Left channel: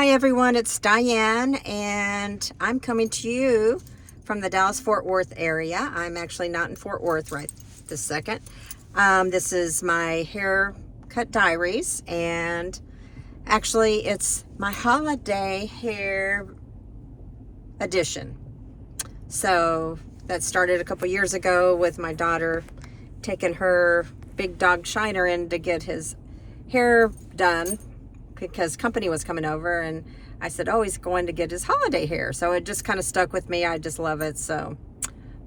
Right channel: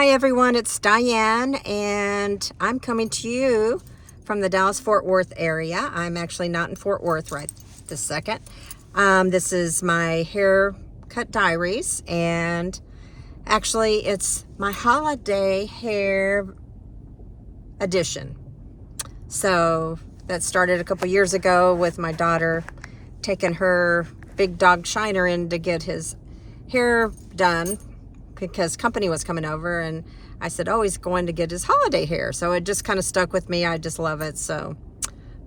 Hi everyone, it's Diane and I'm coming to you from the Dallas-Fort Worth area. I'm actually not in Fort Worth right this second. This is my haircut diaries, and actually it's my holiday hair edition. So that started a couple years ago with my daughter taking her big dog Shiner in to get his hair done because company was coming over, and I said, oh, he's going to get his holiday hair. So it just kind of stuck with me. I just love it. So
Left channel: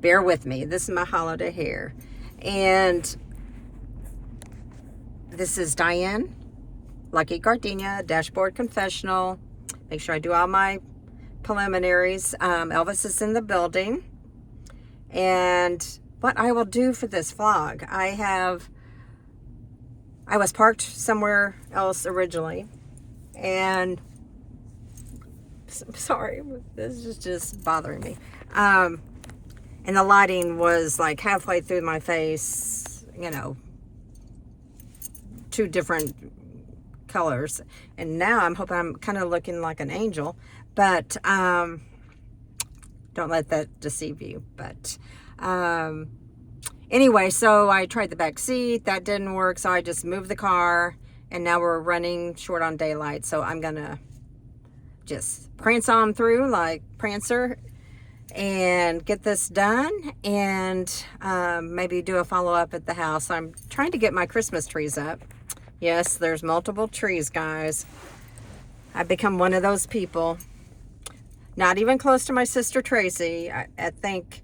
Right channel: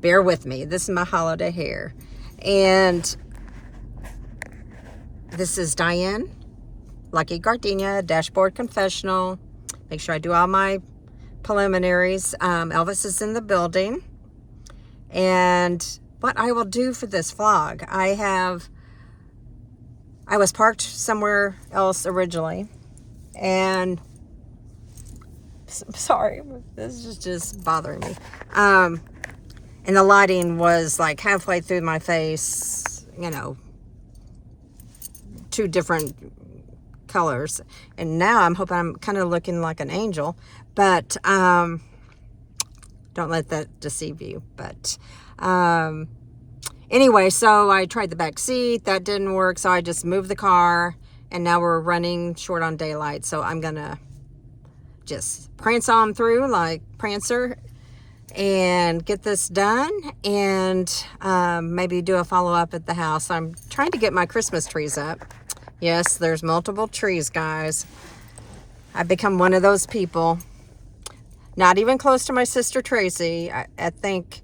bear with me. This is my holiday hair. And this is Diane, Lucky Gardenia, Dashboard Confessional. Make sure I do all my preliminaries. Elvis is in the building. And what I will do for this vlog, I was parked somewhere else originally, and sorry, this is just bothering me. And the lighting was like halfway through my face, you know, two different colors. And now I'm hoping I'm kind of looking like an angel, but don't let that deceive you. But anyway, so I tried the back seat. That didn't work, so I just moved the car, and now we're running short on daylight. So I'm gonna just prance on through like Prancer and get this done, and maybe do a follow-up at the house. I'm trying to get my Christmas trees up. Yes, there's multiple trees, guys. I've become one of those people. Not even close to my sister Tracy. I think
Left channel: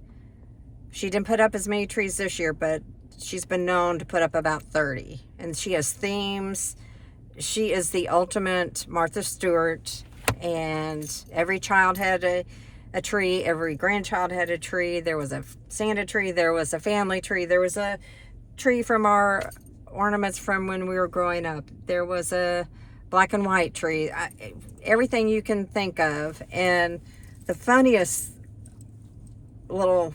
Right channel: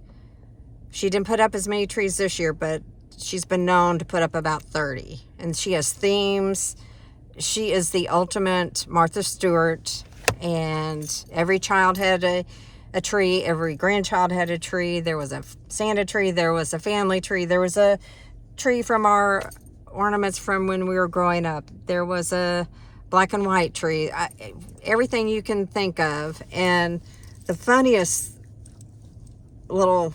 she didn't put up as many trees this year, but she's been known to put up about 30. And she has themes. She is the ultimate Martha Stewart. And every child had a tree. Every grandchild had a tree. There was a Santa tree. There was a family tree. There was a tree from our ornaments from when we were growing up. There was a black and white tree. Everything you can think of. And the funniest little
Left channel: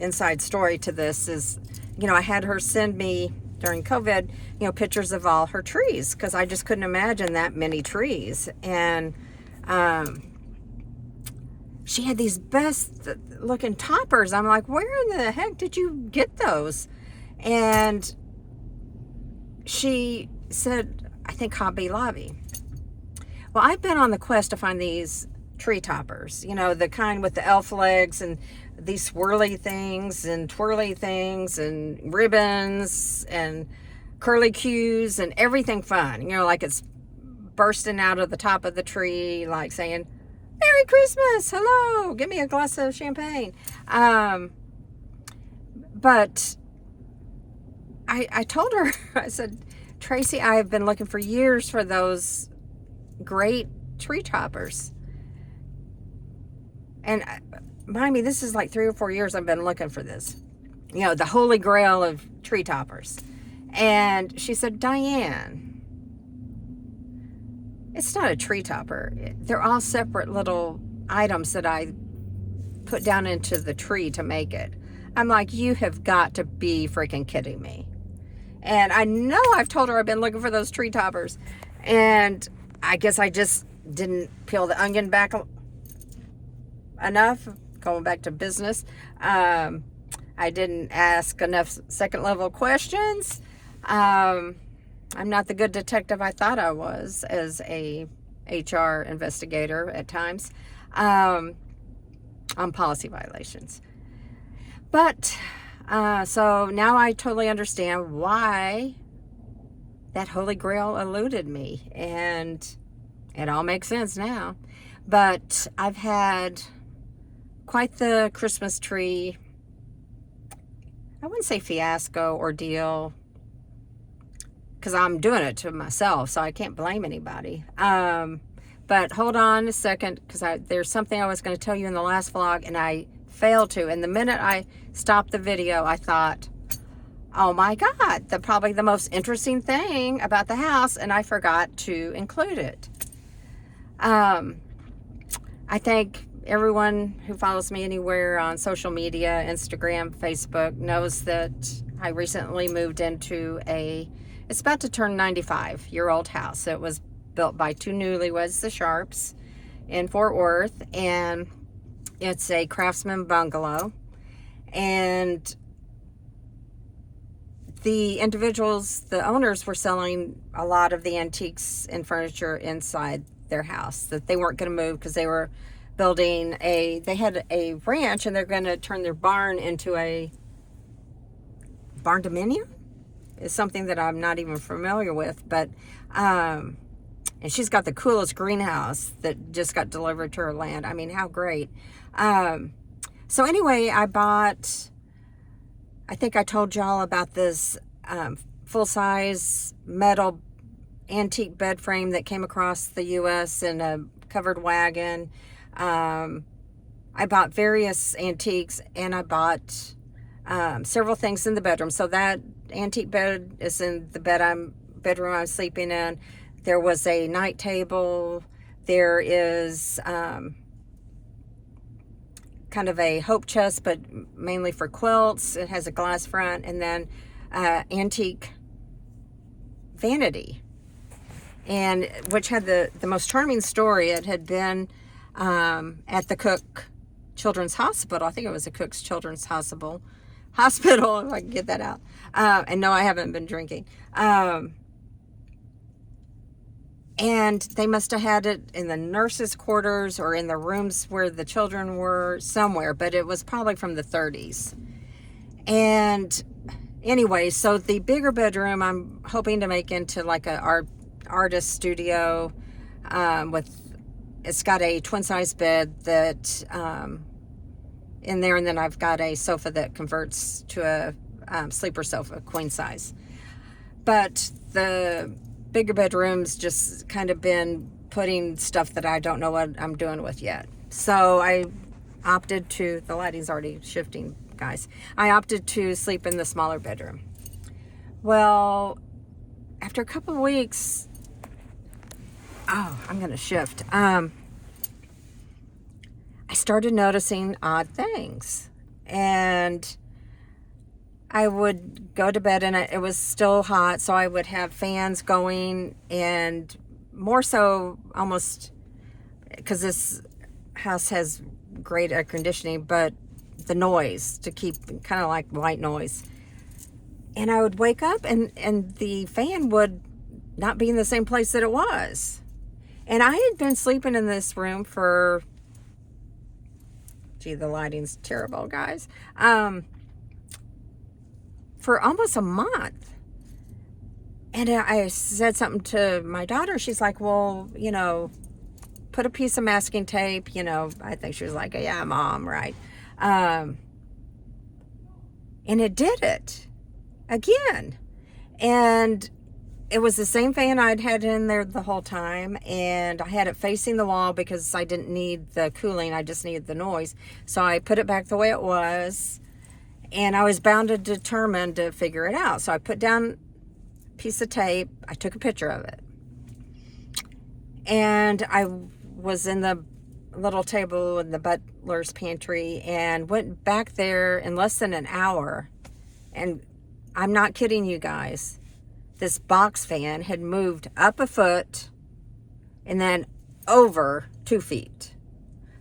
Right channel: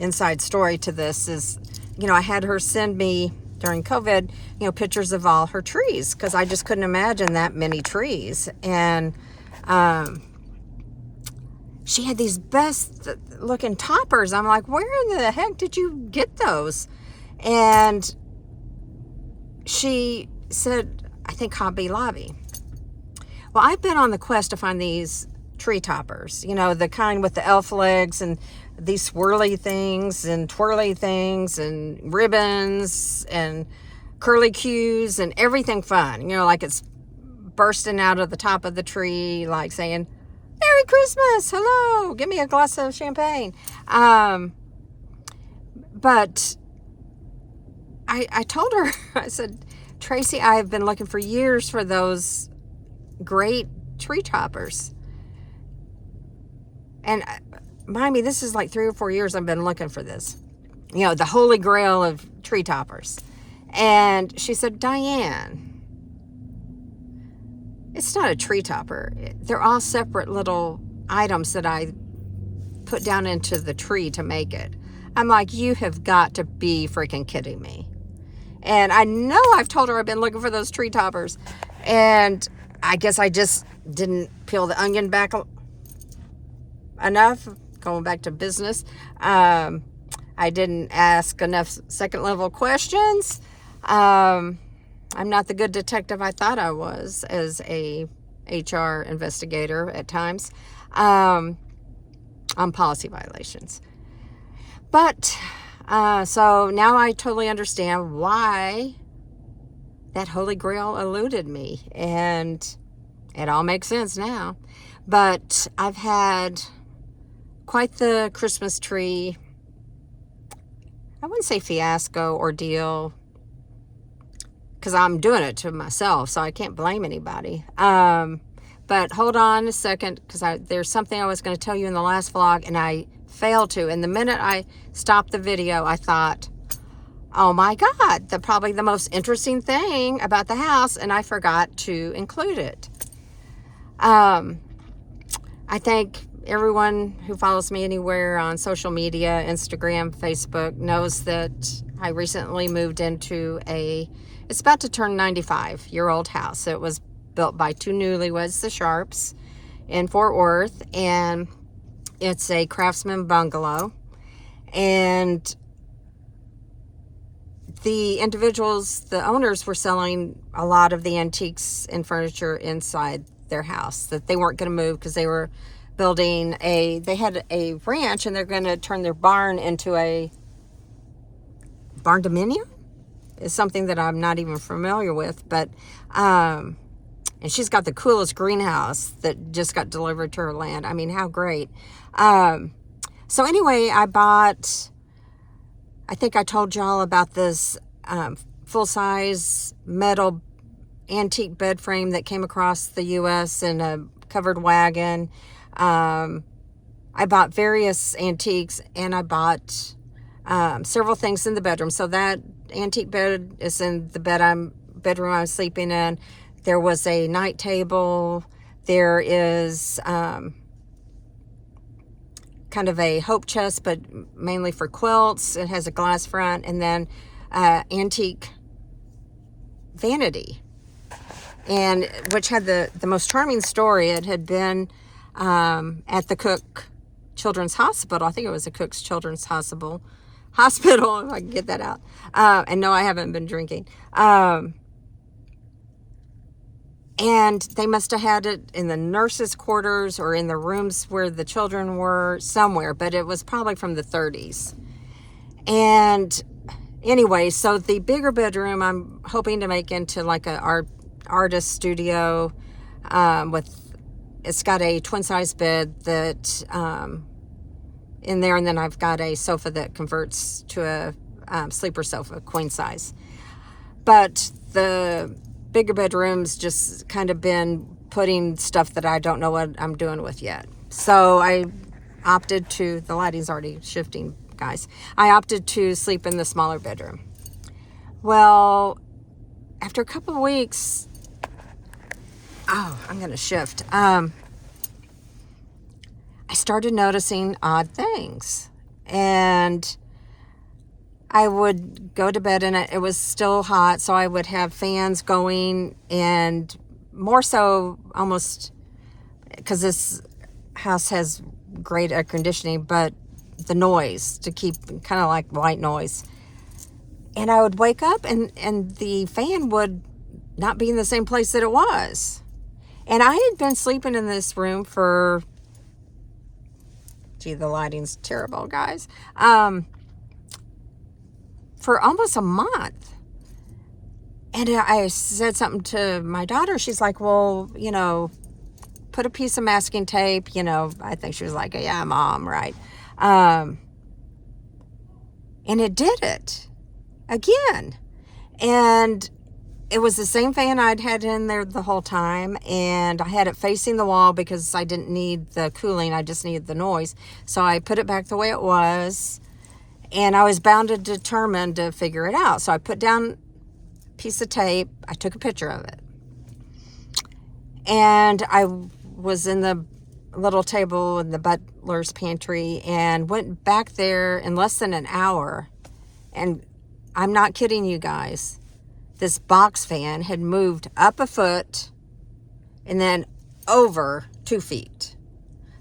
inside story to this is, you know, I had her send me during COVID, you know, pictures of all her trees, because I just couldn't imagine that many trees. And she had these best looking toppers. I'm like, where in the heck did you get those? And she said, I think Hobby Lobby. Well, I've been on the quest to find these tree toppers, you know, the kind with the elf legs and these swirly things and twirly things and ribbons and curly cues and everything fun, you know, like it's bursting out of the top of the tree, like saying, Merry Christmas, hello, give me a glass of champagne. But I told her, I said, Tracy, I have been looking for years for those great tree toppers. And mind me, this is like 3 or 4 years I've been looking for this. You know, the holy grail of tree toppers. And she said, Diane, it's not a tree topper. They're all separate little items that I put down into the tree to make it. I'm like, you have got to be freaking kidding me. And I know I've told her I've been looking for those tree toppers. And I guess I just didn't peel the onion back enough, going back to business. I didn't ask enough second level questions. I'm not the good detective I thought I was as a HR investigator at times, on policy violations. But so now I totally understand why that Holy Grail eluded me, and it all makes sense now. But I've had quite the Christmas tree, I wouldn't say fiasco, ordeal, because I'm doing it to myself, so I can't blame anybody. But hold on a second, because there's something I was going to tell you in the last vlog, and I failed to. And the minute I stopped the video, I thought, oh my God, probably the most interesting thing about the house, and I forgot to include it. I think everyone who follows me anywhere on social media, Instagram, Facebook, knows that I recently moved into it's about to turn 95-year-old house. It was built by two newlyweds, the Sharps, in Fort Worth, and it's a craftsman bungalow. And the individuals, the owners, were selling a lot of the antiques and furniture inside their house that they weren't going to move because they were building they had a ranch, and they're going to turn their barn into a barn dominium. It's something that I'm not even familiar with, but and she's got the coolest greenhouse that just got delivered to her land. I mean, how great. So anyway, I think I told y'all about this full-size metal antique bed frame that came across the U.S. in a covered wagon. I bought various antiques, and I bought several things in the bedroom. So that antique bed is in the bedroom I'm sleeping in. There was a night table. There is kind of a hope chest, but mainly for quilts. It has a glass front, and then antique vanity, and which had the most charming story. It had been at the Cook Children's Hospital. I think it was the Cook's Children's Hospital, if I can get that out. And no, I haven't been drinking. And they must have had it in the nurses' quarters or in the rooms where the children were, somewhere, but it was probably from the 30s. And anyway, so the bigger bedroom I'm hoping to make into like a artist studio. It's got a twin-size bed that in there, and then I've got a sofa that converts to a sleeper sofa, queen size. But the bigger bedrooms just kind of been putting stuff that I don't know what I'm doing with yet. So I opted to, the lighting's already shifting, guys. I opted to sleep in the smaller bedroom. Well, after a couple of weeks, I'm going to shift. I started noticing odd things, and I would go to bed, and it was still hot, so I would have fans going, and more so almost because this house has great air conditioning, but the noise, to keep kind of like white noise. And I would wake up, and the fan would not be in the same place that it was. And I had been sleeping in this room for, gee, the lighting's terrible, guys. For almost a month. And I said something to my daughter. She's like, well, put a piece of masking tape, I think she was like, yeah, Mom, right? And it did it again. And it was the same fan I'd had in there the whole time, and I had it facing the wall because I didn't need the cooling, I just needed the noise. So I put it back the way it was, and I was bound and determined to figure it out. So I put down a piece of tape, I took a picture of it, and I was in the little table in the butler's pantry and went back there in less than an hour, and I'm not kidding you guys. This box fan had moved up a foot and then over 2 feet.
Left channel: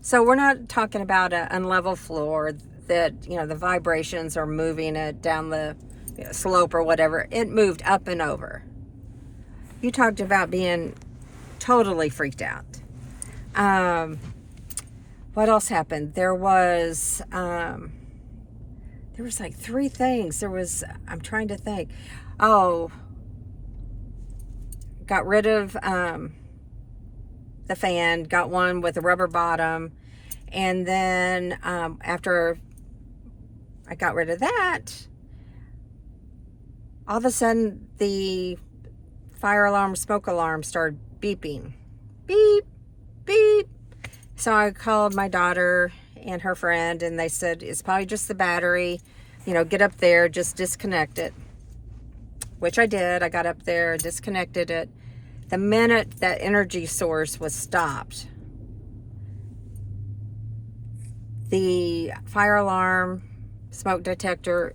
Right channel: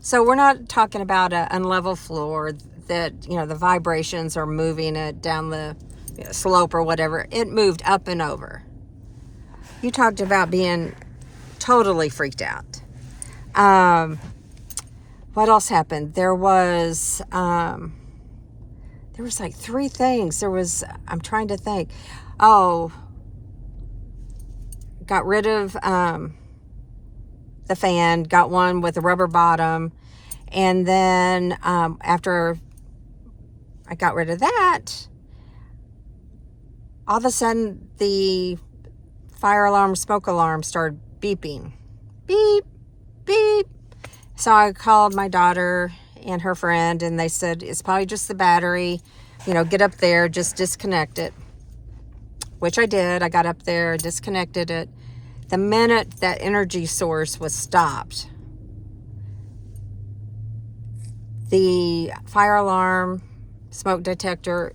So we're not talking about an unlevel floor that, the vibrations are moving it down the slope or whatever. It moved up and over. You talked about being totally freaked out. What else happened? There was like 3 things. I'm trying to think. Got rid of the fan, got one with a rubber bottom, and then after I got rid of that, all of a sudden the fire alarm, smoke alarm started beeping. Beep, beep. So I called my daughter and her friend, and they said, it's probably just the battery. Get up there, just disconnect it. Which I did. I got up there, disconnected it. The minute that energy source was stopped, the fire alarm, smoke detector,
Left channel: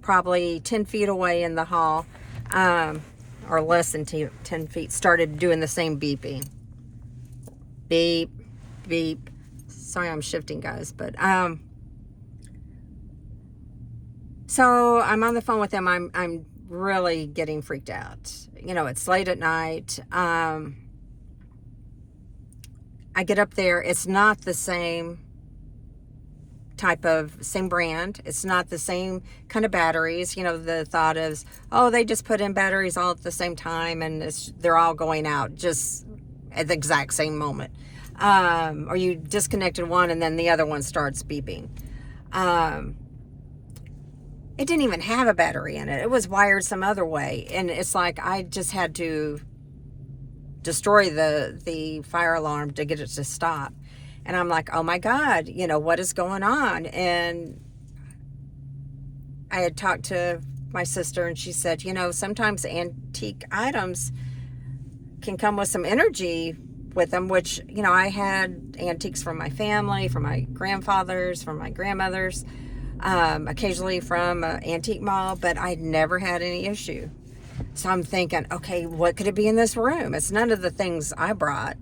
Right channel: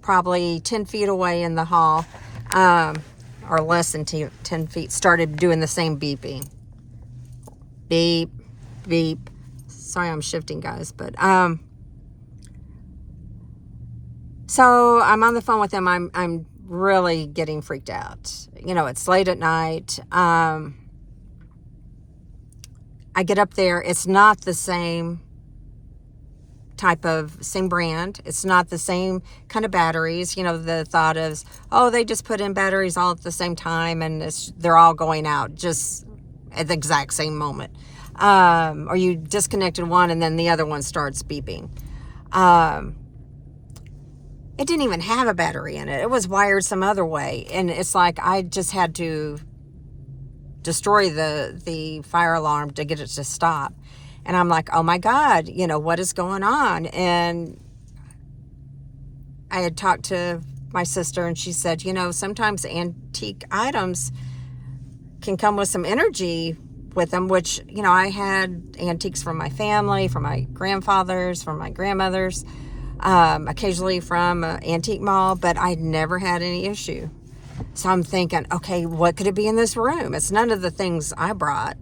probably 10 feet away in the hall, or less than 10 feet started doing the same beeping. Beep, beep. Sorry, I'm shifting, guys, but so I'm on the phone with him. I'm really getting freaked out. You know, it's late at night. I get up there. It's not the same same brand. It's not the same kind of batteries. You know, the thought is, oh, they just put in batteries all at the same time and they're all going out just at the exact same moment. Or you disconnected one and then the other one starts beeping. It didn't even have a battery in it. It was wired some other way. And it's like I just had to destroy the fire alarm to get it to stop. And I'm like, oh my God, you know, what is going on? And I had talked to my sister and she said, you know, sometimes antique items can come with some energy with them, which, you know, I had antiques from my family, from my grandfathers, from my grandmothers, occasionally from an antique mall, but I'd never had any issue. So I'm thinking, okay, what could it be in this room? It's none of the things I brought.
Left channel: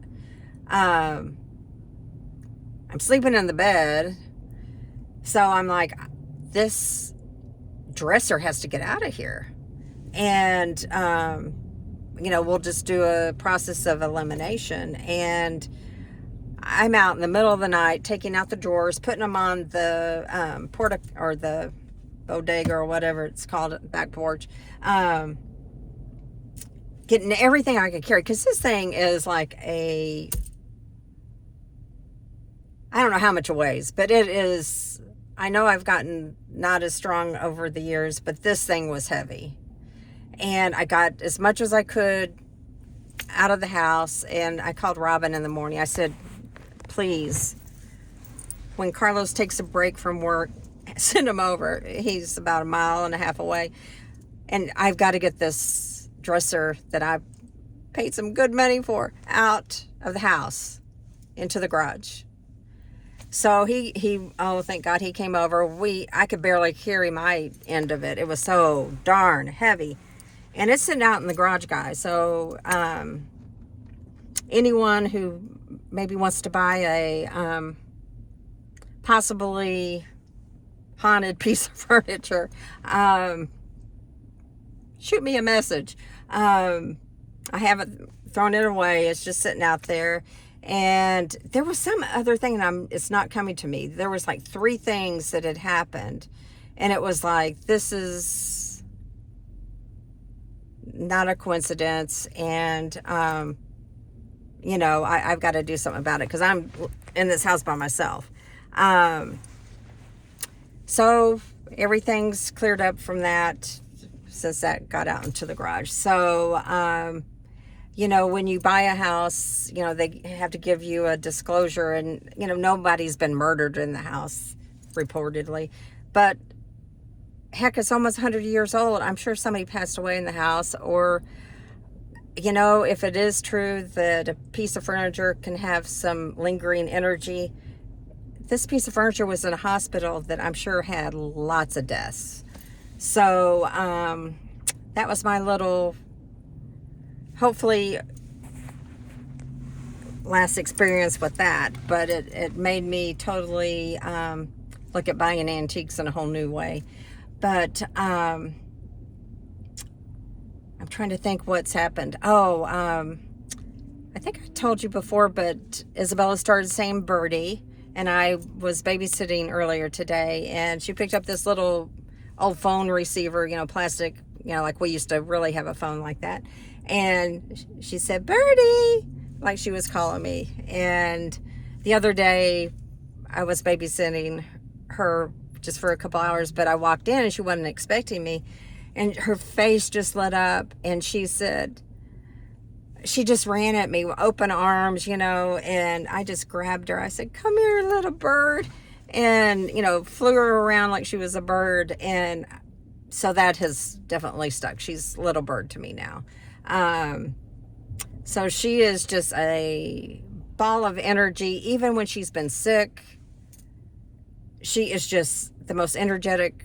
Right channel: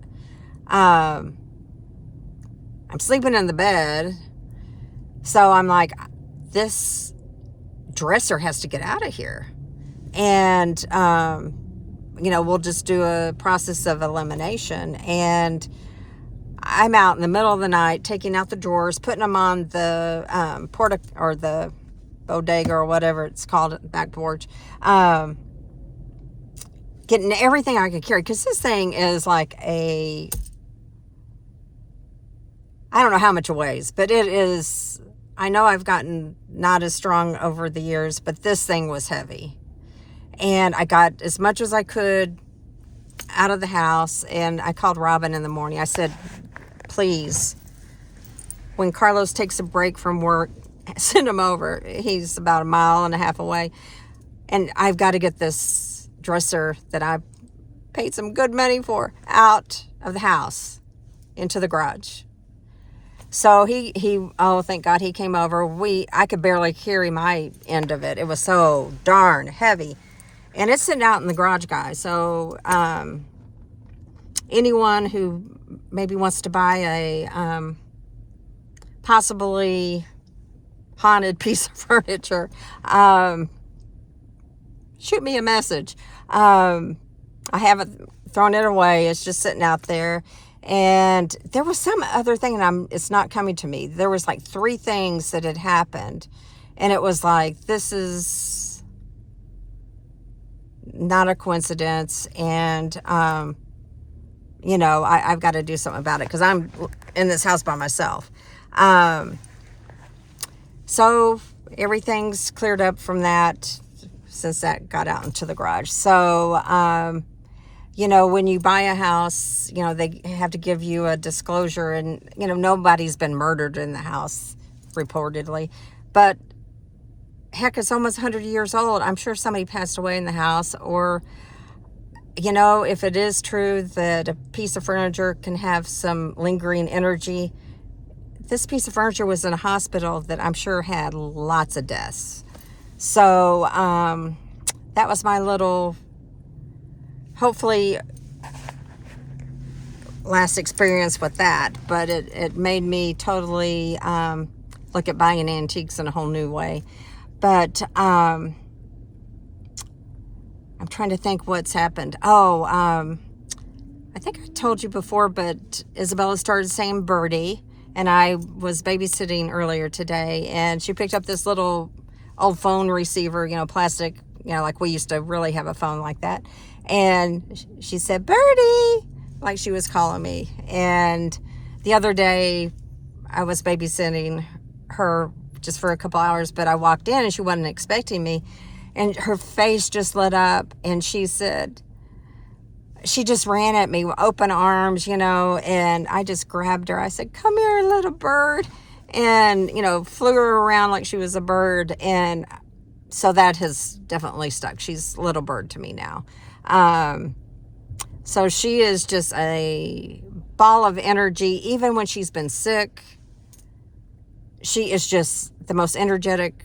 I'm sleeping in the bed. So I'm like, this dresser has to get out of here. And, you know, we'll just do a process of elimination. And I'm out in the middle of the night, taking out the drawers, putting them on the or the bodega or whatever it's called, back porch. Getting everything I could carry. Because this thing is like I don't know how much it weighs, but it is, I know I've gotten not as strong over the years, but this thing was heavy. And I got as much as I could out of the house, and I called Robin in the morning. I said, please, when Carlos takes a break from work, send him over. He's about 1.5 miles away. And I've got to get this dresser that I paid some good money for out of the house into the garage. So he oh, thank God he came over. I could barely carry my end of it. It was so darn heavy. And it's sitting out in the garage, guys. So anyone who maybe wants to buy a possibly haunted piece of furniture, shoot me a message. I haven't thrown it away. It's just sitting out there. And there was some other thing, and it's not coming to me. There was like 3 things that had happened. And it was like, this is not a coincidence. And, you know, I've got to do something about it because I'm in this house by myself. So everything's cleared up from that since that got out into the garage. So, you know, when you buy a house, you know, they have to give you a disclosure, and, you know, nobody's been murdered in the house, reportedly. But heck, it's almost 100 years old. I'm sure somebody passed away in the house, or, you know, if it is true that a piece of furniture can have some lingering energy, this piece of furniture was in a hospital that I'm sure had lots of deaths. So, that was my little, hopefully, last experience with that. But it made me totally look at buying antiques in a whole new way. But I'm trying to think what's happened. Oh, I think I told you before, but Isabella started saying birdie, and I was babysitting earlier today, and she picked up this little old phone receiver, you know, plastic, you know, like we used to really have a phone like that. And she said, birdie, like she was calling me. And the other day I was babysitting her just for a couple hours, but I walked in and she wasn't expecting me. And her face just lit up, and she said, she just ran at me with open arms, you know, and I just grabbed her. I said, come here, little bird. And, you know, flew her around like she was a bird. And so that has definitely stuck. She's little bird to me now. So she is just a ball of energy. Even when she's been sick, she is just the most energetic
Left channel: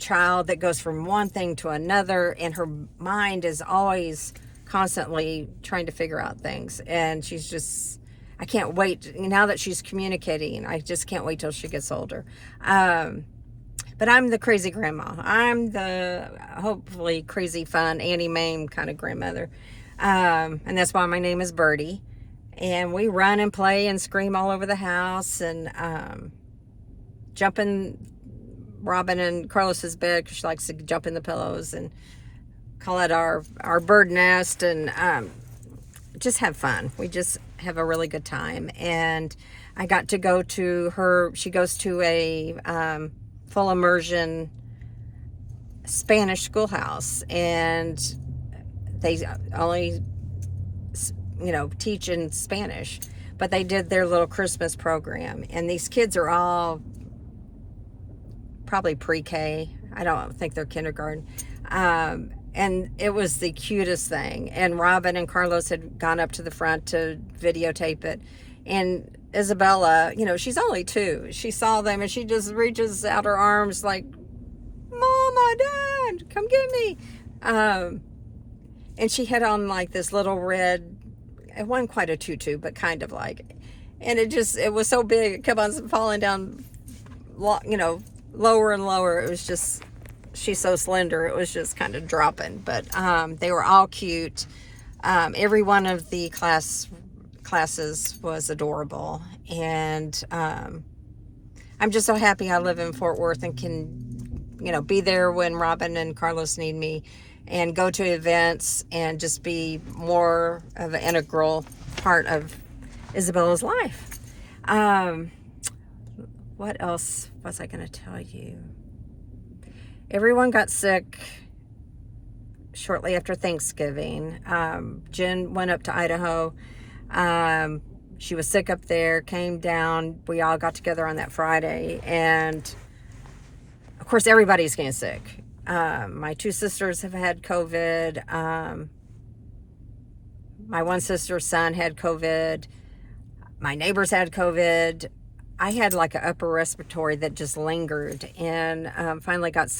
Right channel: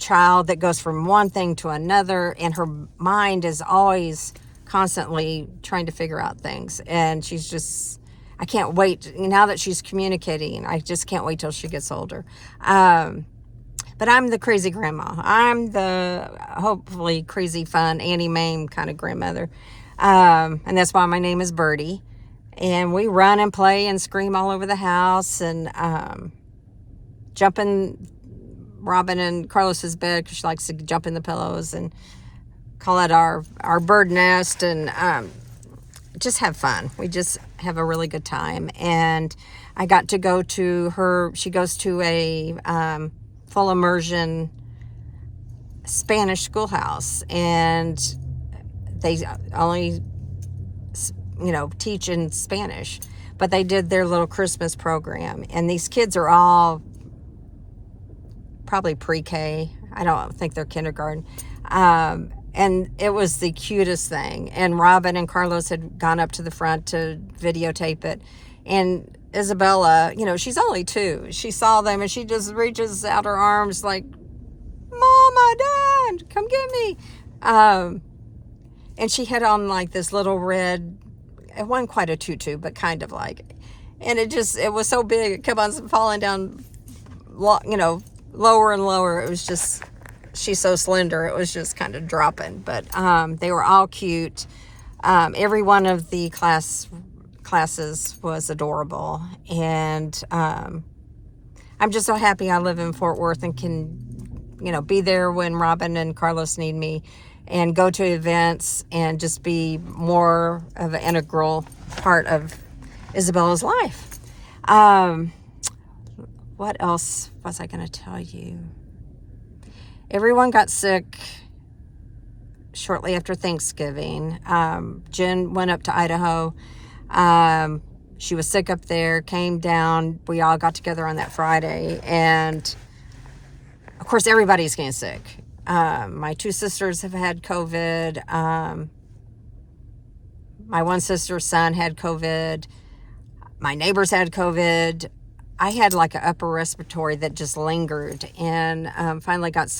child that goes from one thing to another, and her mind is always constantly trying to figure out things. And she's just, I can't wait now that she's communicating. I just can't wait till she gets older. But I'm the crazy grandma. I'm the hopefully crazy, fun Annie Mae kind of grandmother. And that's why my name is Birdie. And we run and play and scream all over the house, and jump in Robin and Carlos's bed because she likes to jump in the pillows, and call it our bird nest, and just have fun. We just have a really good time. And I got to go to her. She goes to a full immersion Spanish schoolhouse, and they only, teach in Spanish, but they did their little Christmas program, and these kids are all probably pre-K. I don't think they're kindergarten. And it was the cutest thing. And Robin and Carlos had gone up to the front to videotape it. And Isabella, she's only 2. She saw them and she just reaches out her arms like, Mama, Dad, come get me. And she had on like this little red, it wasn't quite a tutu, but kind of like, and it was so big, it kept on falling down, lower and lower. It was just, she's so slender, it was just kind of dropping. But they were all cute. Every one of the classes was adorable. And I'm just so happy I live in Fort Worth and can, be there when Robin and Carlos need me, and go to events and just be more of an integral part of Isabella's life. What else was I going to tell you? Everyone got sick shortly after Thanksgiving. Jen went up to Idaho. She was sick up there, came down. We all got together on that Friday. And, of course, everybody's getting sick. My 2 sisters have had COVID. My one sister's son had COVID. My neighbors had COVID. I had like an upper respiratory that just lingered, and finally got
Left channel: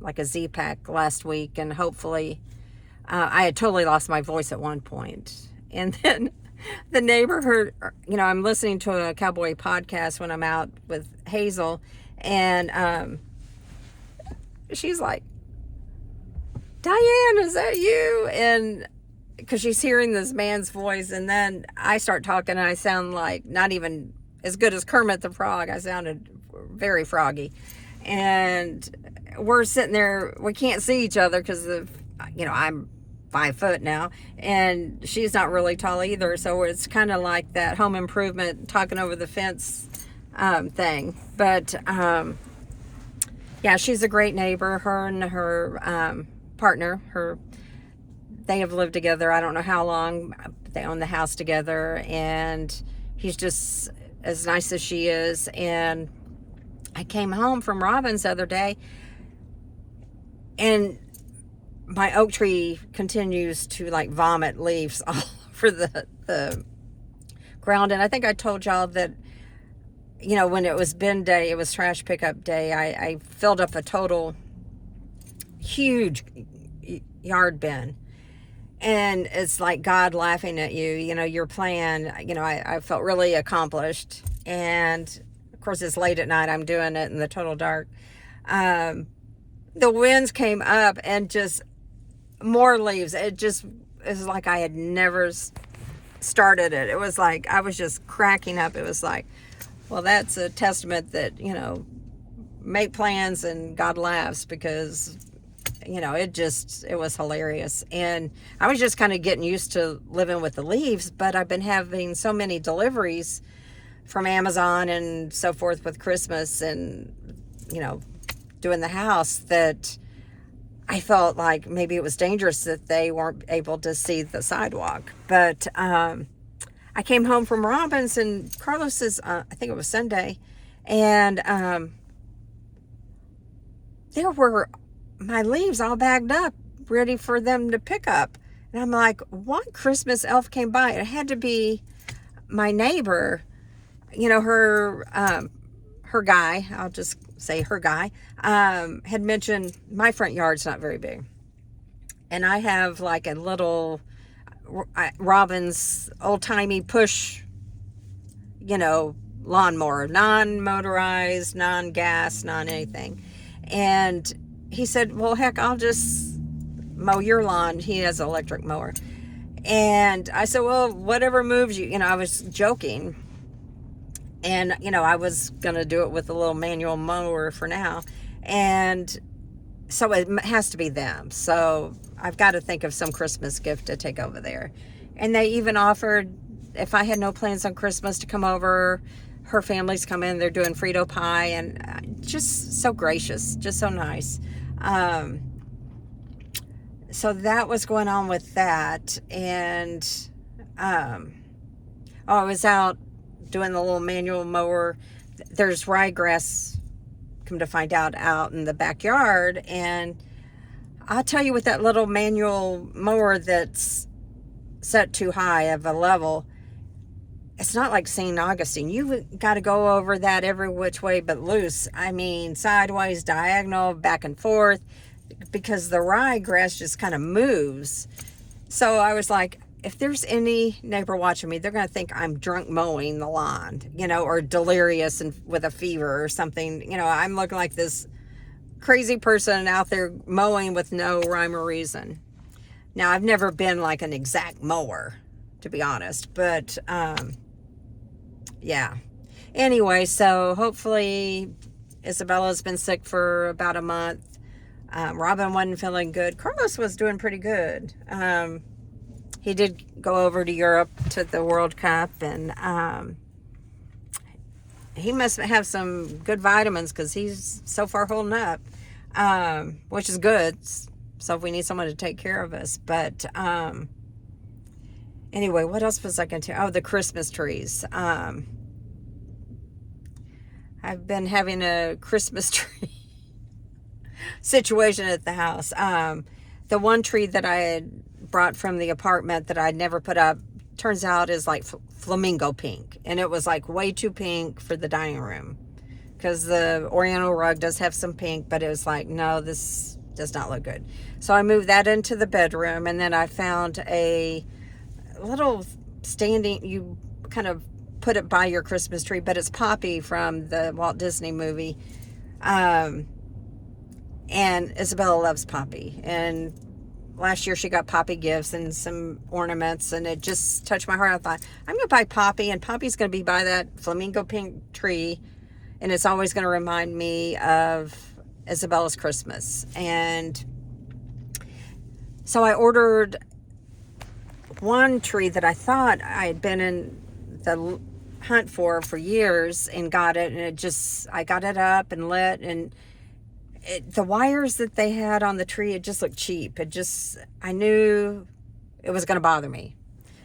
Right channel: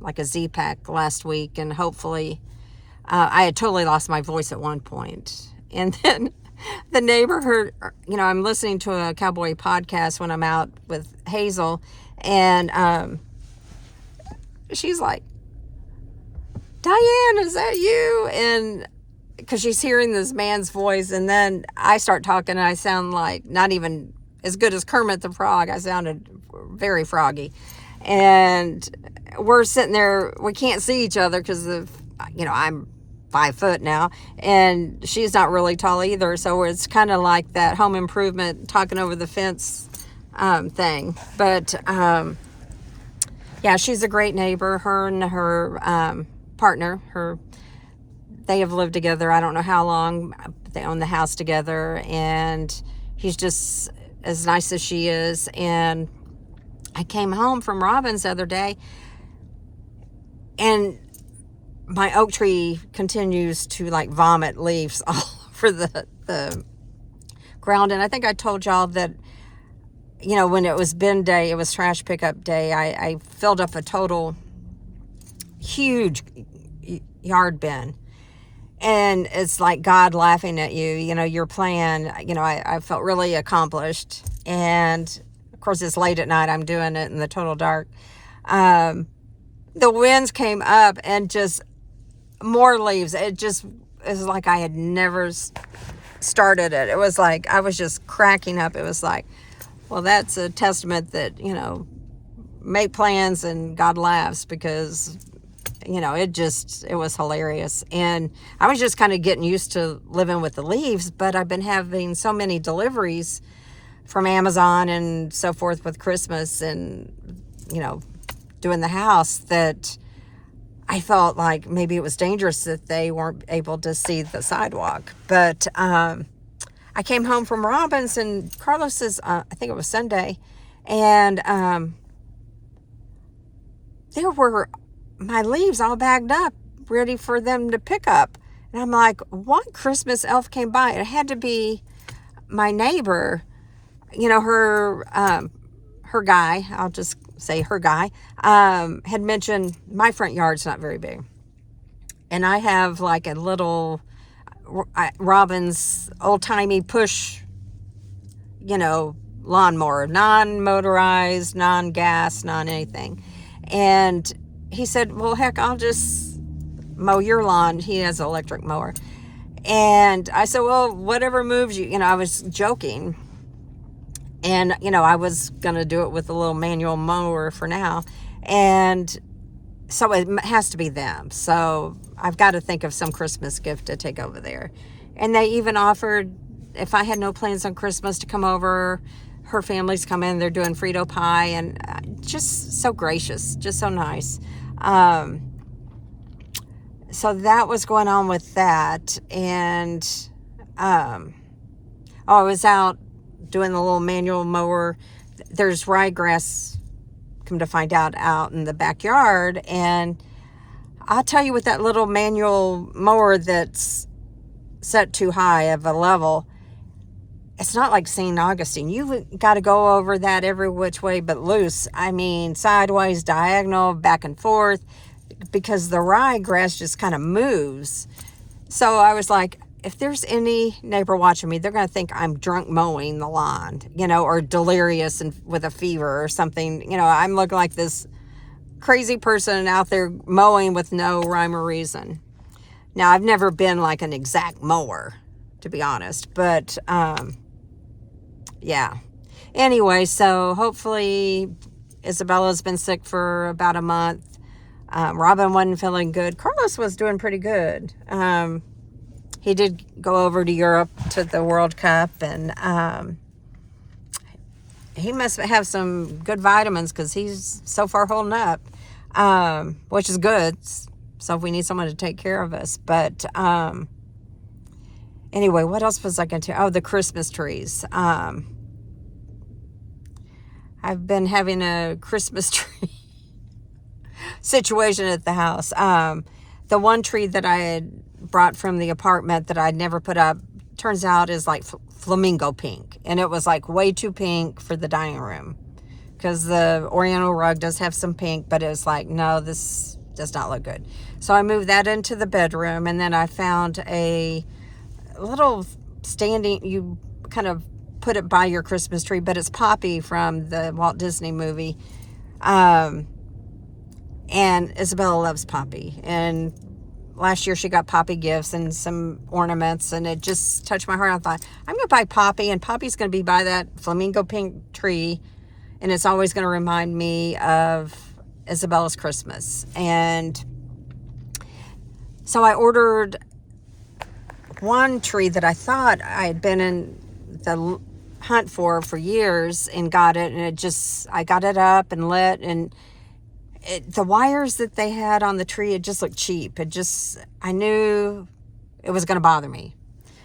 like a Z-Pack last week, and hopefully I had totally lost my voice at one point. And then the neighbor heard, I'm listening to a cowboy podcast when I'm out with Hazel, and she's like, Diane, is that you? And because she's hearing this man's voice, and then I start talking, and I sound like not even as good as Kermit the Frog. I sounded very froggy. And we're sitting there, we can't see each other because I'm 5 foot now, and she's not really tall either. So it's kind of like that Home Improvement talking over the fence thing. But yeah, she's a great neighbor. Her and her partner, they have lived together, I don't know how long. They own the house together, and he's just as nice as she is. And I came home from Robin's the other day, and my oak tree continues to like vomit leaves all over the ground. And I think I told y'all that, when it was bin day, it was trash pickup day, I filled up a total huge yard bin. And it's like God laughing at you, your plan. I felt really accomplished. And of course, it's late at night. I'm doing it in the total dark. The winds came up and just more leaves. It was like I had never started it. It was like I was just cracking up. It was like, well, that's a testament that, make plans and God laughs, because it was hilarious. And I was just kind of getting used to living with the leaves, but I've been having so many deliveries from Amazon and so forth with Christmas and, doing the house, that I felt like maybe it was dangerous that they weren't able to see the sidewalk. But I came home from Robin's and Carlos's, I think it was Sunday, and there were my leaves all bagged up, ready for them to pick up. And I'm like, what Christmas elf came by? It had to be my neighbor. Her her guy, I'll just say her guy, had mentioned my front yard's not very big. And I have like a little Robin's old-timey push, lawnmower, non-motorized, non-gas, non-anything. And he said, well, heck, I'll just mow your lawn. He has an electric mower. And I said, well, whatever moves you. I was joking. And, I was going to do it with a little manual mower for now. And so it has to be them. So I've got to think of some Christmas gift to take over there. And they even offered, if I had no plans on Christmas, to come over. Her family's coming. They're doing Frito pie. And just so gracious. Just so nice. So that was going on with that. And I was out doing the little manual mower. There's ryegrass, come to find out in the backyard. And I'll tell you, with that little manual mower that's set too high of a level, it's not like St. Augustine. You've got to go over that every which way but loose. I mean, sideways, diagonal, back and forth, because the ryegrass just kind of moves. So I was like, if there's any neighbor watching me, they're going to think I'm drunk mowing the lawn, or delirious and with a fever or something. I'm looking like this crazy person out there mowing with no rhyme or reason. Now, I've never been like an exact mower, to be honest, but yeah. Anyway, so hopefully Isabella's been sick for about a month. Robin wasn't feeling good. Carlos was doing pretty good. He did go over to Europe to the World Cup, and he must have some good vitamins because he's so far holding up, which is good. So if we need someone to take care of us. But anyway, what else was I going to? Oh, the Christmas trees. I've been having a Christmas tree situation at the house. The one tree that I had brought from the apartment that I'd never put up, turns out is like flamingo pink. And it was like way too pink for the dining room, because the oriental rug does have some pink, but it was like, no, this does not look good. So I moved that into the bedroom, and then I found a little standing, you kind of put it by your Christmas tree, but it's Poppy from the Walt Disney movie. And Isabella loves Poppy. And last year she got Poppy gifts and some ornaments, and it just touched my heart. I thought, I'm going to buy Poppy, and Poppy's going to be by that flamingo pink tree, and it's always going to remind me of Isabella's Christmas. And so I ordered one tree that I thought I had been in the hunt for years, and got it, and I got it up and lit, and the wires that they had on the tree, it just looked cheap. I knew it was going to bother me.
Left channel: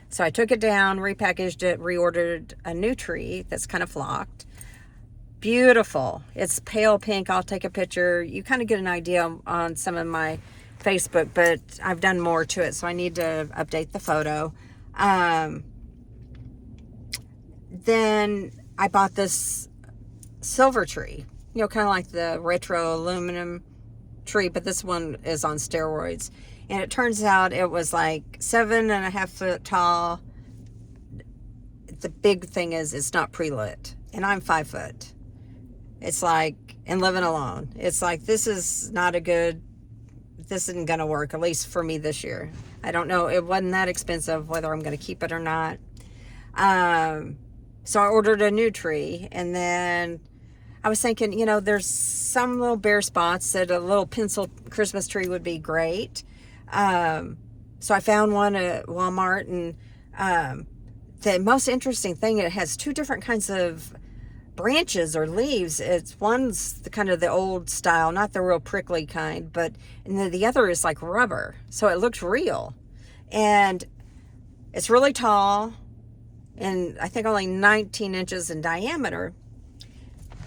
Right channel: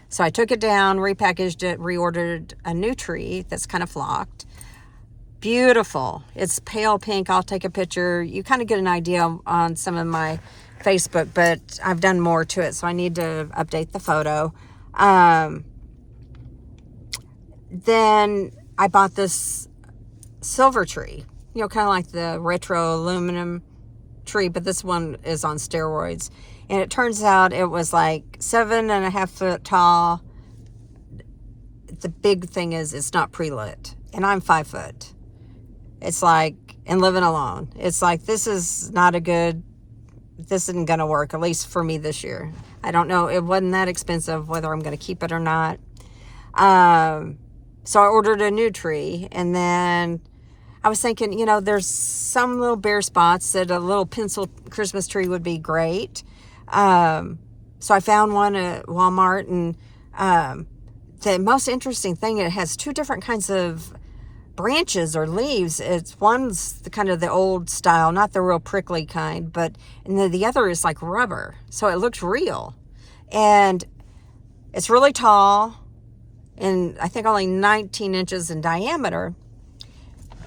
So I took it down, repackaged it, reordered a new tree that's kind of flocked. Beautiful. It's pale pink. I'll take a picture. You kind of get an idea on some of my Facebook, but I've done more to it, so I need to update the photo. Then I bought this silver tree. Kind of like the retro aluminum tree, but this one is on steroids. And it turns out it was like 7.5 foot tall. The big thing is it's not pre-lit, and I'm 5 foot. It's like, and living alone, it's like, this isn't going to work, at least for me this year. I don't know. It wasn't that expensive, whether I'm going to keep it or not. So I ordered a new tree, and then I was thinking, there's some little bare spots that a little pencil Christmas tree would be great. So I found one at Walmart, and the most interesting thing, it has two different kinds of branches or leaves. One's the old style, not the real prickly kind, and then the other is like rubber. So it looks real. And it's really tall, and I think only 19 inches in diameter.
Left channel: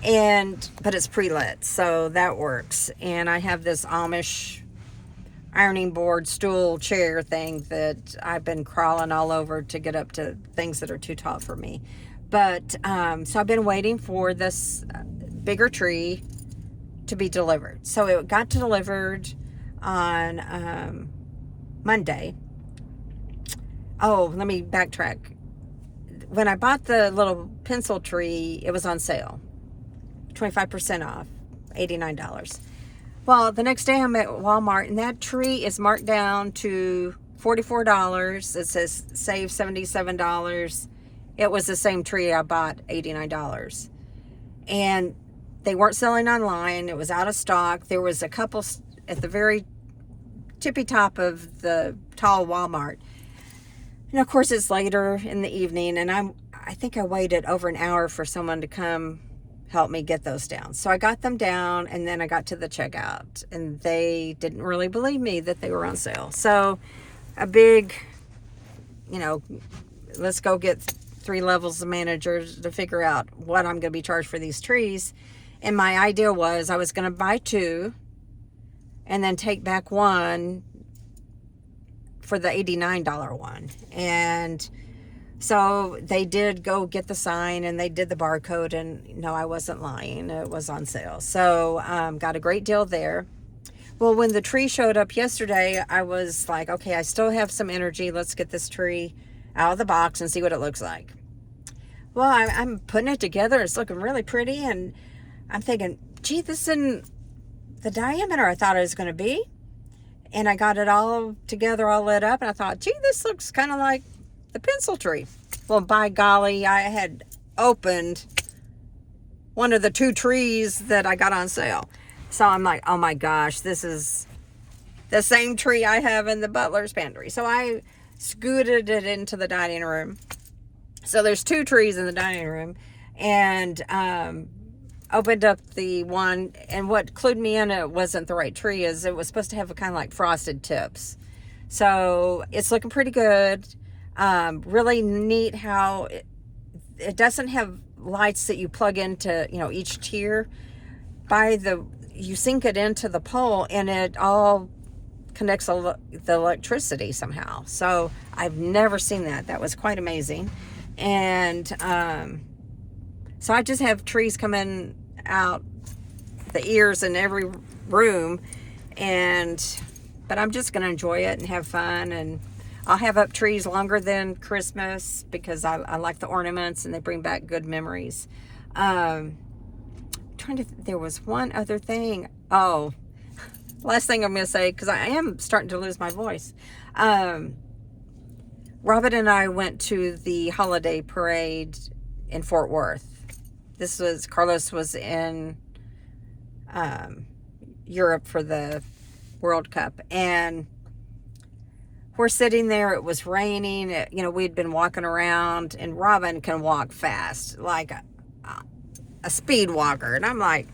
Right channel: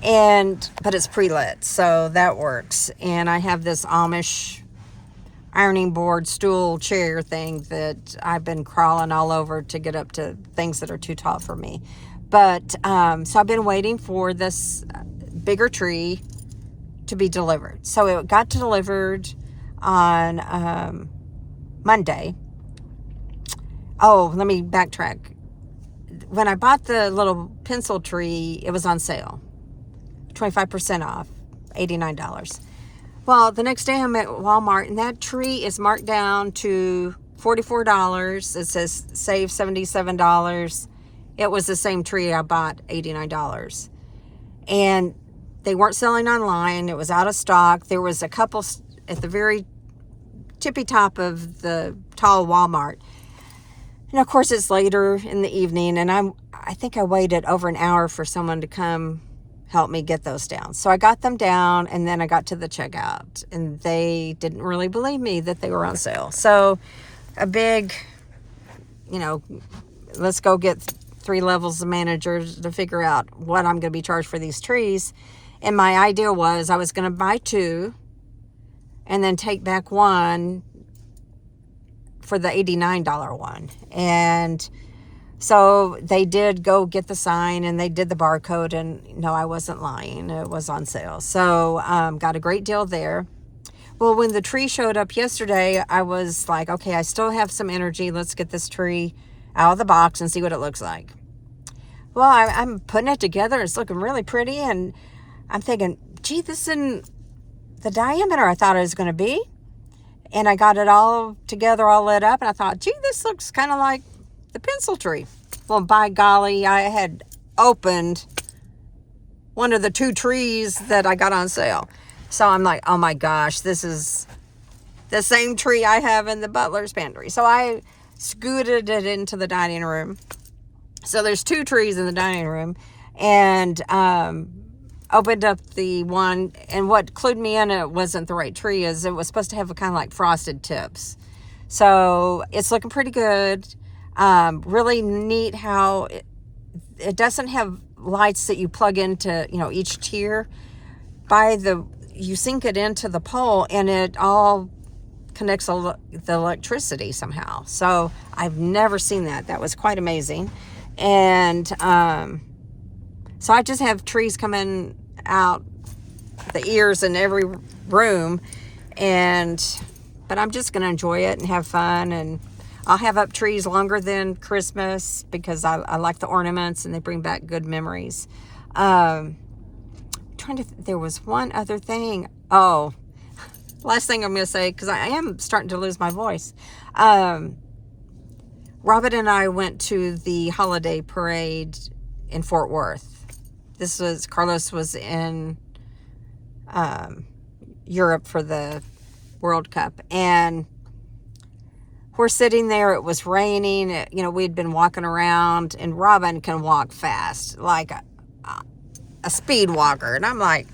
But it's pre-lit, so that works. And I have this Amish ironing board stool chair thing that I've been crawling all over to get up to things that are too tall for me. But so I've been waiting for this bigger tree to be delivered. So it got delivered on Monday. Oh, let me backtrack. When I bought the little pencil tree, it was on sale, 25% off, $89. Well, the next day I'm at Walmart, and that tree is marked down to $44. It says save $77. It was the same tree I bought, $89. And they weren't selling online. It was out of stock. There was a couple at the very tippy top of the tall Walmart. And of course, it's later in the evening, and I think I waited over an hour for someone to come help me get those down. So I got them down, and then I got to the checkout, and they didn't really believe me that they were on sale. So a big, let's go get 3 levels of managers to figure out what I'm going to be charged for these trees. And my idea was I was going to buy 2 and then take back 1 for the $89 one. And so they did go get the sign, and they did the barcode, and no, I wasn't lying. It was on sale. So got a great deal there. Well, when the tree showed up yesterday, I was like, okay, I still have some energy. Let's get this tree out of the box and see what it looks like. Well, I'm putting it together. It's looking really pretty, and I'm thinking, gee, this isn't the diameter I thought it was going to be. And I got it all together, all lit up, and I thought, gee, this looks kind of like the pencil tree. Well, by golly, I had opened one of the 2 trees that I got on sale. So I'm like, oh my gosh, this is the same tree I have in the butler's pantry. So I scooted it into the dining room. So there's 2 trees in the dining room, and opened up the one, and what clued me in it wasn't the right tree is it was supposed to have a kind of like frosted tips. So it's looking pretty good. Really neat how it doesn't have lights that you plug into, each tier. You sink it into the pole, and it all connects the electricity somehow. So I've never seen that. That was quite amazing. And so I just have trees coming out the ears in every room, but I'm just going to enjoy it and have fun. And I'll have up trees longer than Christmas because I like the ornaments, and they bring back good memories. There was one other thing. Oh, last thing I'm going to say, because I am starting to lose my voice. Robin and I went to the holiday parade in Fort Worth. Carlos was in Europe for the World Cup, and we're sitting there. It was raining. We'd been walking around, and Robin can walk fast, like a speed walker. And I'm like,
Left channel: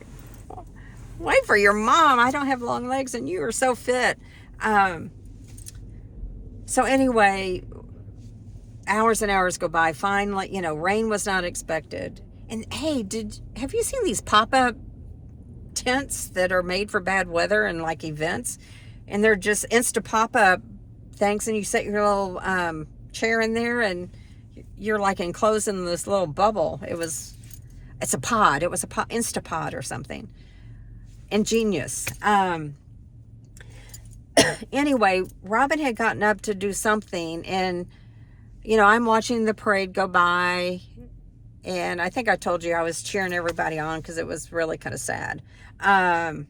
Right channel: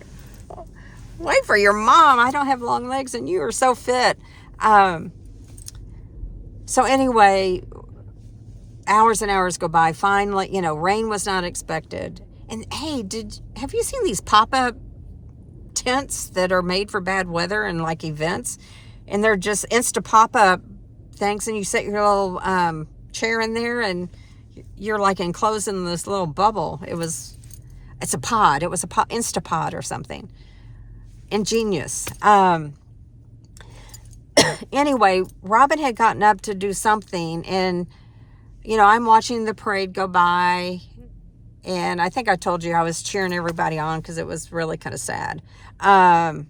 wait for your mom. I don't have long legs, and you are so fit. So anyway, hours and hours go by. Finally, rain was not expected. And hey, have you seen these pop-up tents that are made for bad weather and like events? And they're just insta pop-up things, and you set your little chair in there, and you're like enclosed in this little bubble. It's a pod. It was a Instapod or something. Ingenious. Anyway, Robin had gotten up to do something, and I'm watching the parade go by, and I think I told you I was cheering everybody on because it was really kind of sad. And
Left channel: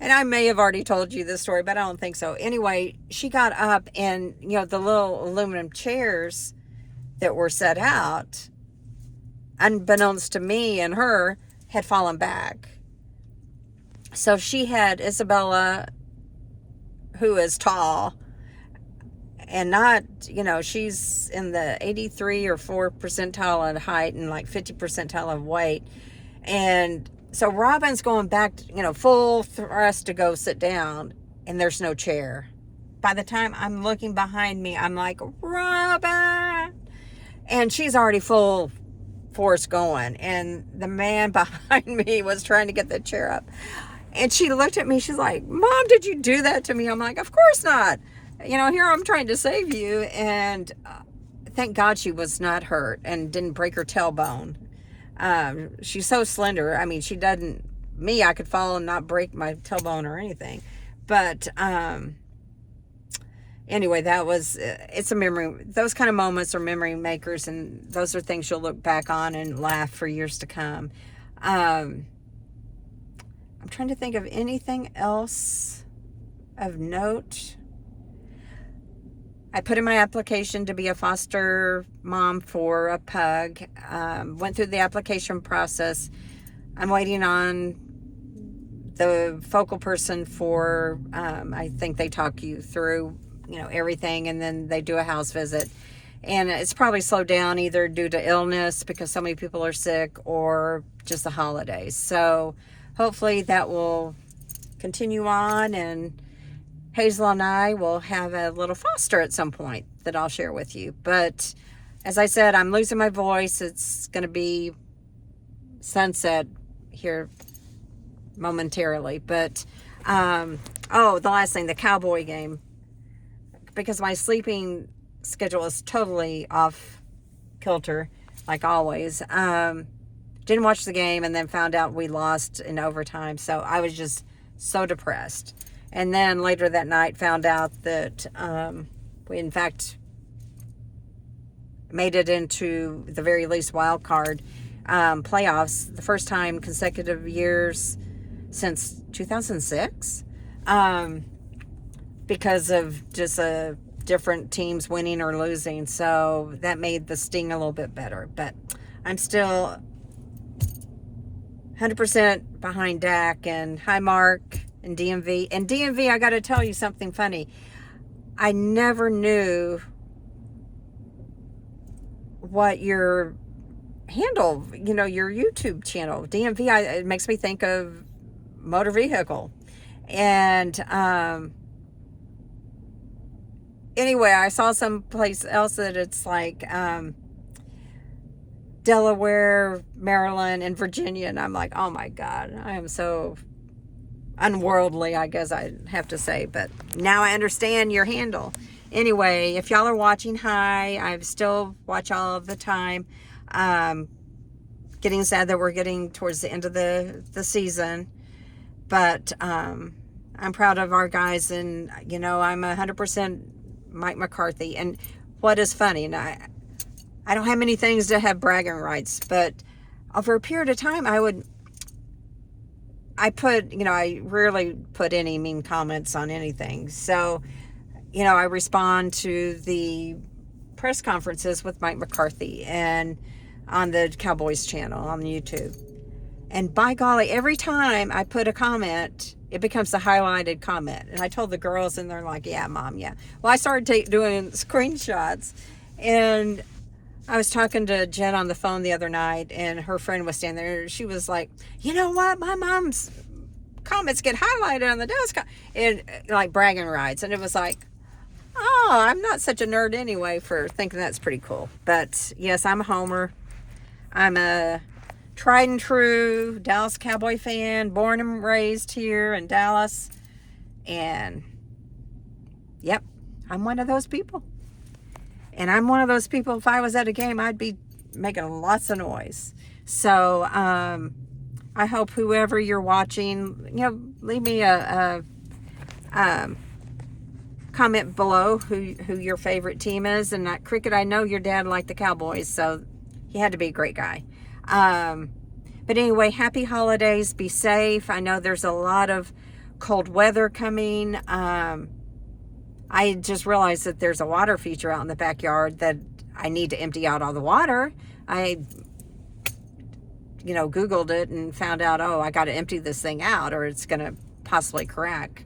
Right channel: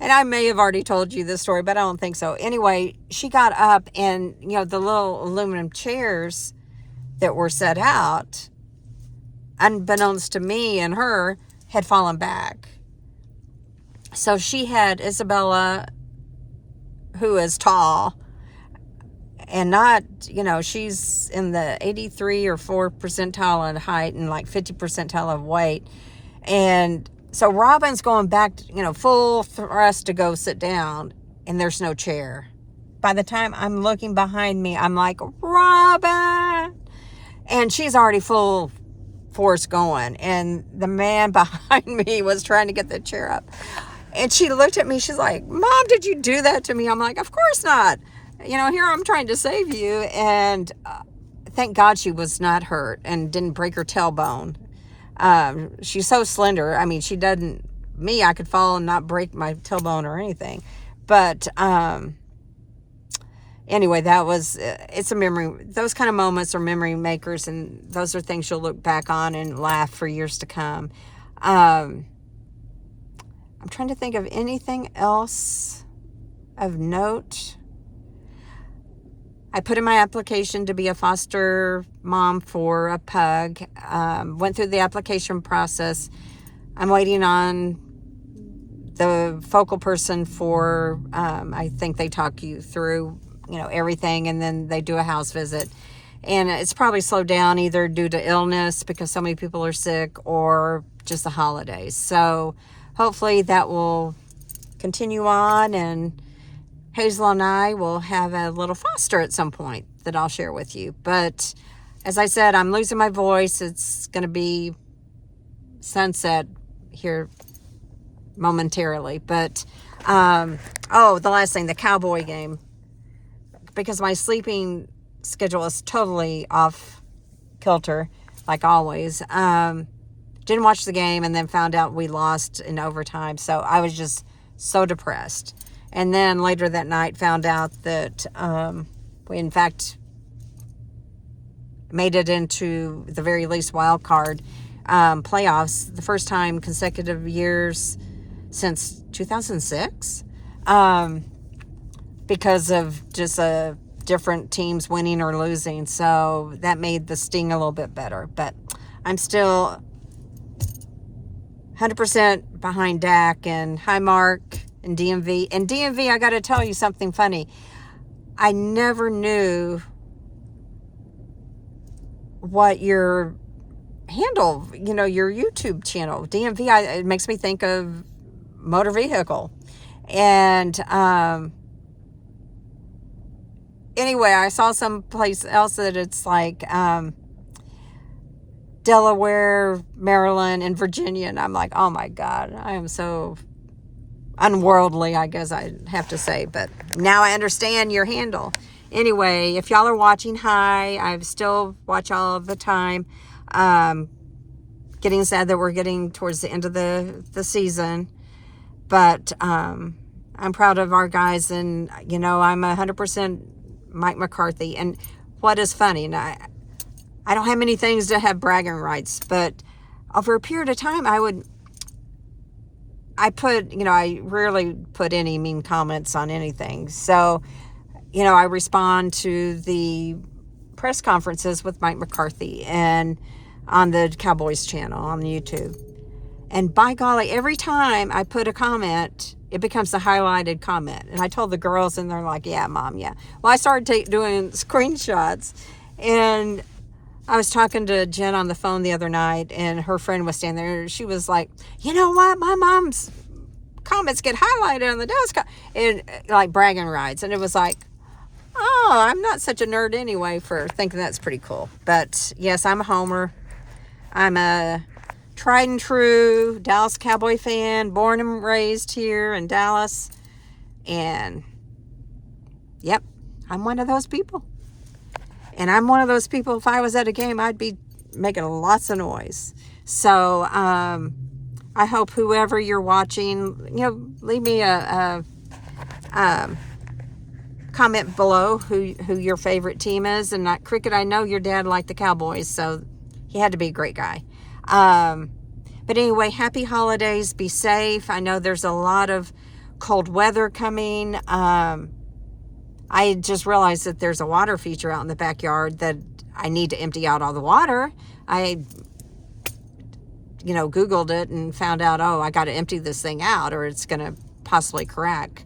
I may have already told you this story, but I don't think so. Anyway, she got up, and the little aluminum chairs that were set out, unbeknownst to me and her, had fallen back. So she had Isabella, who is tall, and not, she's in the 83 or 4 percentile in height and like 50 percentile of weight. And so Robin's going back, full thrust to go sit down, and there's no chair. By the time I'm looking behind me, I'm like, Robin! And she's already full force going. And the man behind me was trying to get the chair up. And she looked at me, she's like, Mom, did you do that to me? I'm like, of course not. Here I'm trying to save you. And thank God she was not hurt and didn't break her tailbone. She's so slender. I mean, she doesn't, me, I could fall and not break my tailbone or anything. But anyway, that was, it's a memory. Those kind of moments are memory makers, and those are things you'll look back on and laugh for years to come. I'm trying to think of anything else of note. I put in my application to be a foster mom for a pug. Went through the application process. I'm waiting on the focal person for, I think they talk you through, everything, and then they do a house visit. And it's probably slowed down either due to illness because so many people are sick, or just the holidays. So hopefully that will continue on, and Hazel and I will have a little foster at some point that I'll share with you. But as I said, I'm losing my voice. It's going to be sunset here momentarily. But, the last thing, the Cowboy game. Because my sleeping schedule is totally off kilter, like always. Didn't watch the game, and then found out we lost in overtime. So I was just so depressed. And then later that night found out that we, in fact, made it into the very least wild card playoffs, the first time consecutive years since 2006, because of just different teams winning or losing. So that made the sting a little bit better. But I'm still 100% behind Dak, and hi, Mark. And DMV. And DMV, I got to tell you something funny. I never knew what your handle, your YouTube channel, DMV, it makes me think of motor vehicle. And anyway, I saw someplace else that it's like Delaware, Maryland, and Virginia. And I'm like, oh my God, I am so unworldly, I guess I have to say, but now I understand your handle. Anyway, if y'all are watching, hi. I still watch all of the time. Getting sad that we're getting towards the end of the season, but I'm proud of our guys, and I'm 100% Mike McCarthy. And what is funny, and I don't have many things to have bragging rights, but over a period of time, I rarely put any mean comments on anything. So, I respond to the press conferences with Mike McCarthy and on the Cowboys channel on YouTube. And by golly, every time I put a comment, it becomes a highlighted comment. And I told the girls, and they're like, yeah, Mom, yeah. Well, I started doing screenshots, and I was talking to Jen on the phone the other night, and her friend was standing there. She was like, you know what? My mom's comments get highlighted on the desk, and like bragging rights. And it was like, oh, I'm not such a nerd anyway for thinking that's pretty cool. But yes, I'm a homer. I'm a tried and true Dallas Cowboy fan, born and raised here in Dallas. And yep, I'm one of those people. And I'm one of those people, if I was at a game, I'd be making lots of noise. So I hope whoever you're watching, leave me a comment below who your favorite team is. And Cricket, I know your dad liked the Cowboys, so he had to be a great guy. But anyway, happy holidays. Be safe. I know there's a lot of cold weather coming. I just realized that there's a water feature out in the backyard that I need to empty out all the water. I, Googled it and found out, I got to empty this thing out or it's going to possibly crack.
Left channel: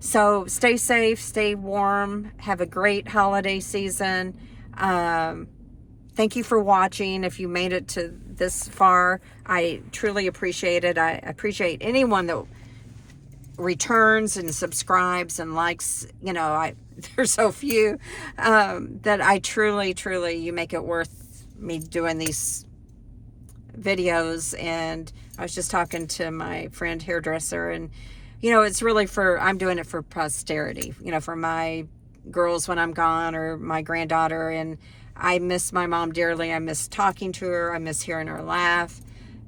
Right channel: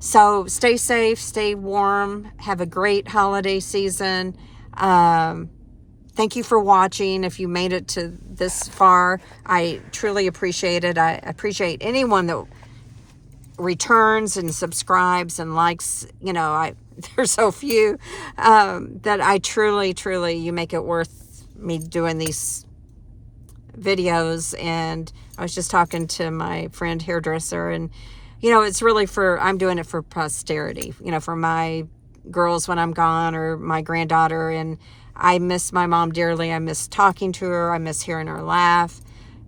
So stay safe, stay warm, have a great holiday season. Thank you for watching. If you made it to this far, I truly appreciate it. I appreciate anyone that returns and subscribes and likes. There's so few that I truly, you make it worth me doing these videos. And I was just talking to my friend hairdresser, and it's really I'm doing it for posterity, for my girls when I'm gone, or my granddaughter. And I miss my mom dearly. I miss talking to her. I miss hearing her laugh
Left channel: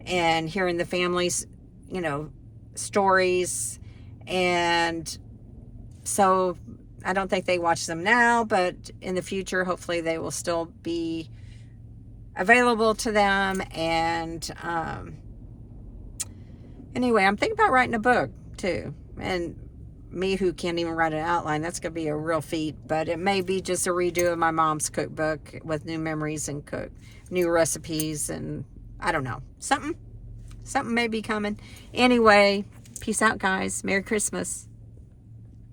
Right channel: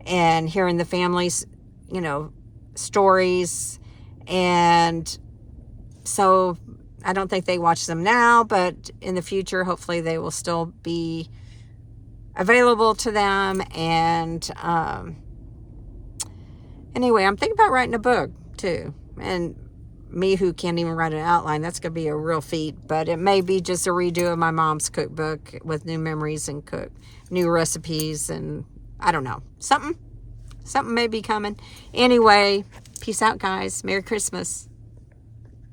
and hearing the family's, stories. And so I don't think they watch them now, but in the future, hopefully they will still be available to them. And anyway, I'm thinking about writing a book too. And me, who can't even write an outline, that's going to be a real feat. But it may be just a redo of my mom's cookbook with new memories and new recipes, and I don't know, something may be coming. Anyway, peace out, guys. Merry Christmas.